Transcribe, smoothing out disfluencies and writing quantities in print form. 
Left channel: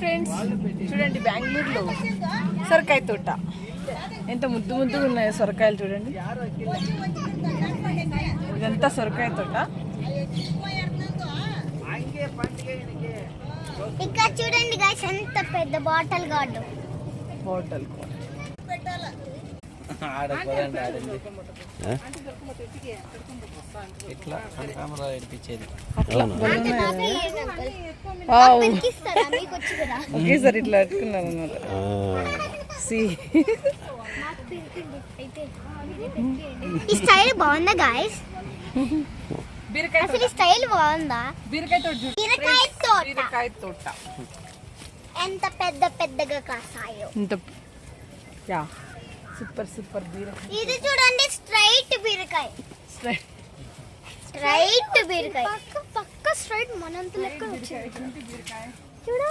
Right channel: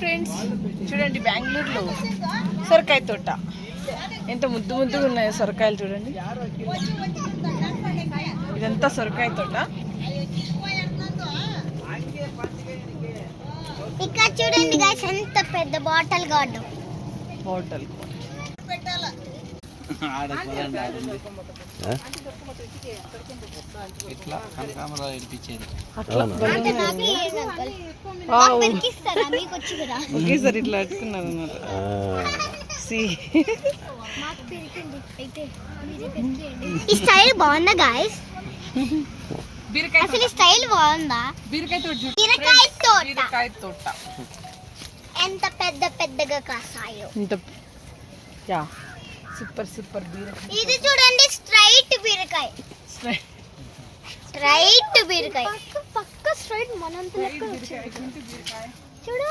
Friends, చూడండి బెంగళూరులో సొరకాయ తోట ఎంత ముద్దు ముద్దుగా ఉన్నాయో సొరకాయలు చూడండి. ఇదంతా సొరకాయ తోట. ఇక్కడ చూడండి గైస్, ఎంత పెద్ద బాటిల్ గార్డు. బాటిల్ ఒకేసారి ఇట్లా అట్టుకున్నాను. ఈ స్టైల్ బాగుందా గైస్? అసలు స్టైల్ బాగుందా? బీరకాయ తోట. బీరకాయ తోట ఎంత పెద్ద పెద్దగా కాసాయో. ఇంత యా సూపర్ సూపర్ బీరకాయ. ఇది చూడండి, స్ట్రైట్ బీరకాయ. స్ట్రైట్ బీరకాయ పక్క స్ట్రైట్ మనంత లెక్క చూడు.